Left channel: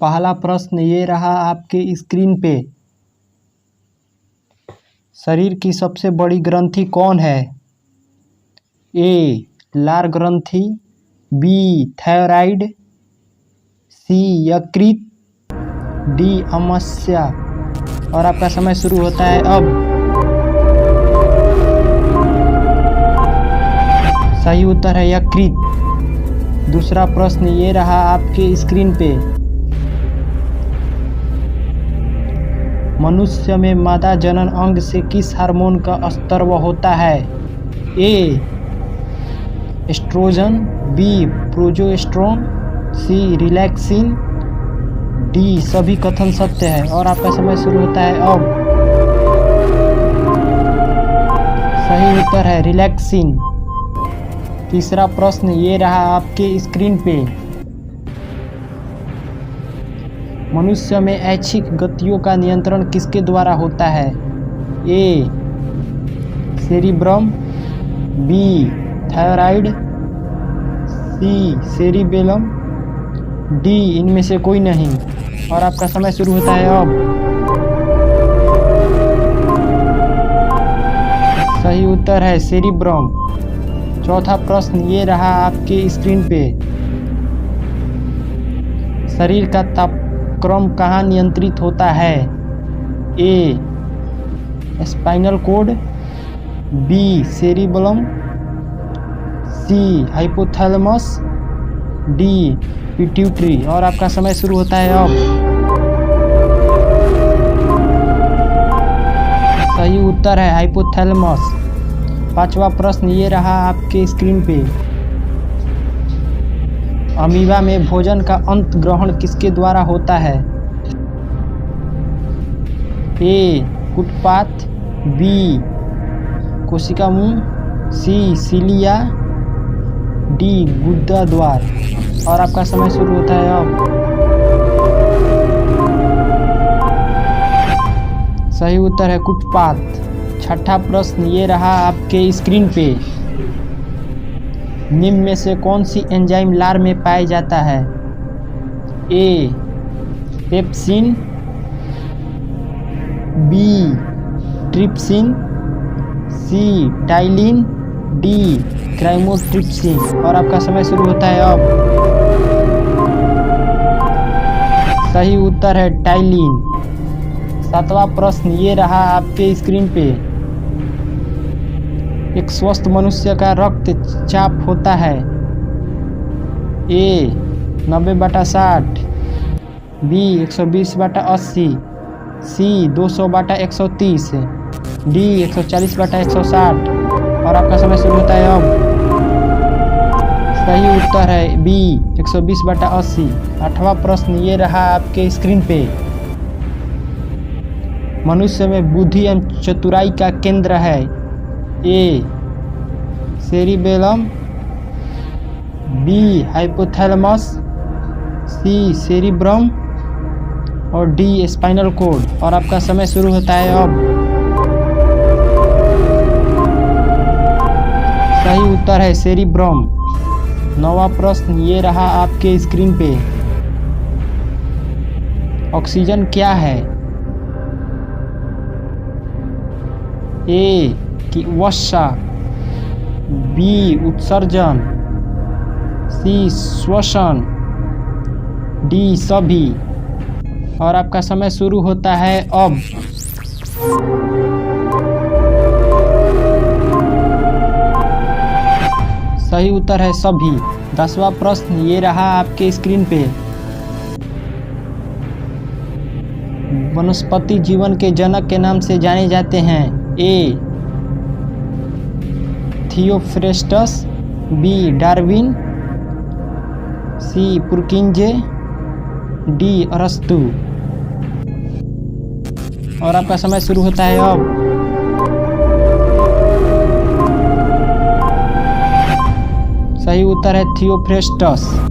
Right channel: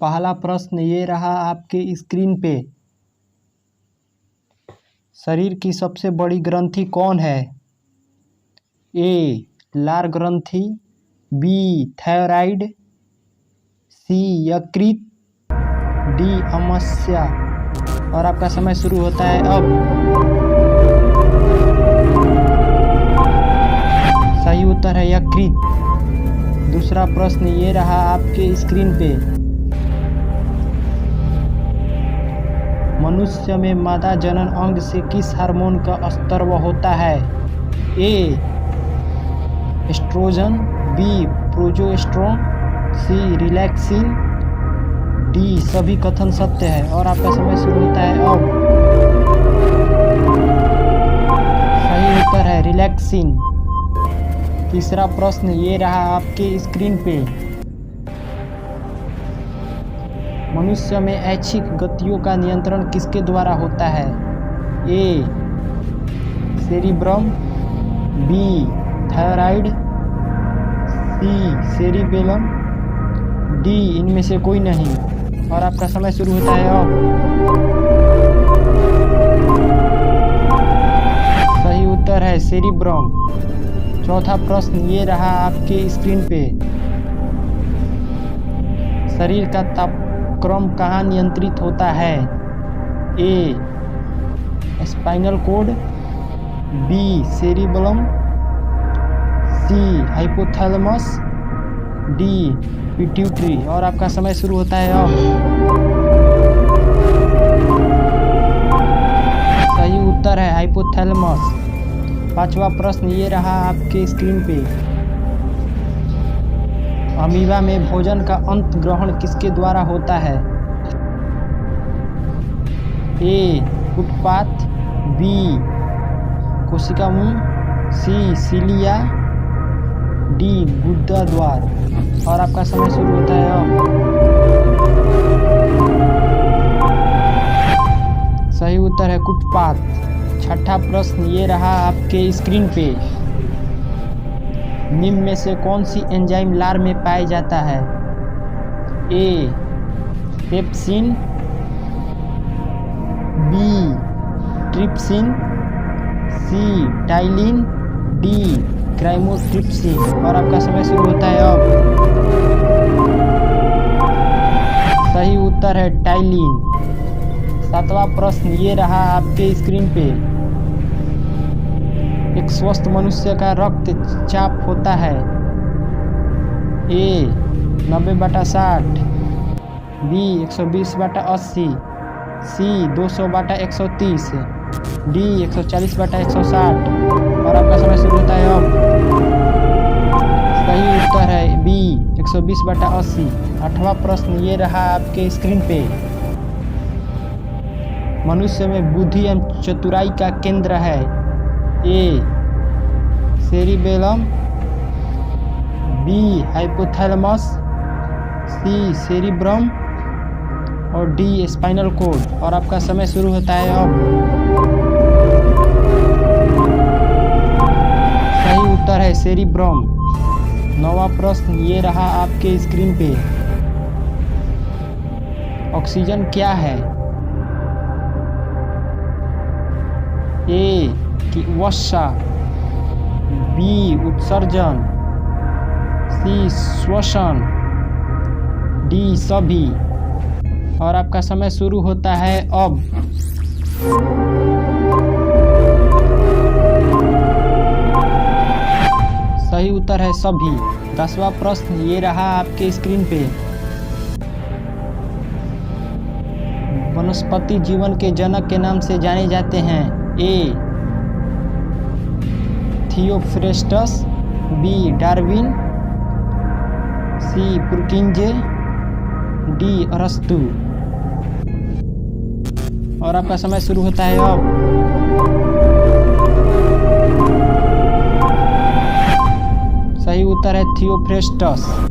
पहला प्रश्न ये रहा आपके स्क्रीन पे। शरीर की सबसे बड़ी ग्रंथि कौन है? ए लार ग्रंथि, बी थायराइड, सी यकृत, डी आमाशय। और आपका समय शुरू होता है अब। सही उत्तर है यकृत। दूसरा प्रश्न ये रहा आपके स्क्रीन पे। मनुष्य में मादा जनन अंग से किस हार्मोन का स्राव होता है? ए एस्ट्रोजन, बी प्रोजेस्टेरोन, सी रिलैक्सिन, डी सभी कथन सत्य है। और आपका समय शुरू होता है अब। सही उत्तर है रिलैक्सिन। तीसरा प्रश्न ये रहा आपके स्क्रीन पे। मनुष्य में ऐच्छिक गतियों का नियंत्रण किसके द्वारा होता है? ए सेरिब्रम, बी थायराइड, सी सेरिबेलम, डी इनमें से कोई नहीं। और आपका समय शुरू होता है अब। सही उत्तर है सेरिब्रम। चौथा प्रश्न ये रहा आपके स्क्रीन पे। शरीर का तापक्रम कहाँ नियंत्रित होता है? ए स्पाइनल कोड, बी सेरिबेलम, सी हाइपोथैलेमस, डी पिट्यूटरी। और आपका समय शुरू होता है अब। सही उत्तर है हाइपोथैलेमस। पांचवा प्रश्न ये रहा आपके स्क्रीन पे। अमीबा में भोजन का अंत ग्रहण किसके द्वारा होता है? ए कुटपाथ, बी कोशिका मुंह, सी सीलिया, डी गुदा द्वार। और आपका समय शुरू होता है अब। सही उत्तर है कुटपाथ। छठा प्रश्न ये रहा आपके स्क्रीन पे। निम्न में से कौन सी एंजाइम लार में पाया जाता है? ए पेप्सिन, बी ट्रिप्सिन, सी टाइलिन, डी क्राइमोट्रिप्सिन। और आपका समय शुरू होता है अब। सही उत्तर है टाइलिन। सातवां प्रश्न ये रहा आपके स्क्रीन पे। एक स्वस्थ मनुष्य का रक्तचाप होता है? ए 90/60, बी 120/80, सी 200/130, डी 140/160। और आपका समय शुरू होता है अब। सही उत्तर है बी 120/80। आठवां प्रश्न ये रहा आपके स्क्रीन पे। मनुष्य में बुद्धि एवं चतुराई का केंद्र है? ए सेरिबेलम, बी हाइपोथैलेमस, सी सेरिब्रम, और डी स्पाइनल कोड। और आपका समय शुरू होता है अब। सही उत्तर है सेरिब्रम। नौवां प्रश्न ये रहा आपके स्क्रीन पे। ऑक्सीजन क्या है? ए कि वर्षा, बी उत्सर्जन, सी श्वसन, डी सभी। और आपका समय शुरू होता है अब। सही उत्तर है सभी। 10वां प्रश्न ये रहा आपके स्क्रीन पे। वनस्पति जीवन के जनक के नाम से जाने जाते हैं? ए थियोफ्रेस्टस, बी डार्विन, सी पुरकिंजे, डी अरस्तु। और आपका समय शुरू होता है अब। सही उत्तर है थियोफ्रेस्टस।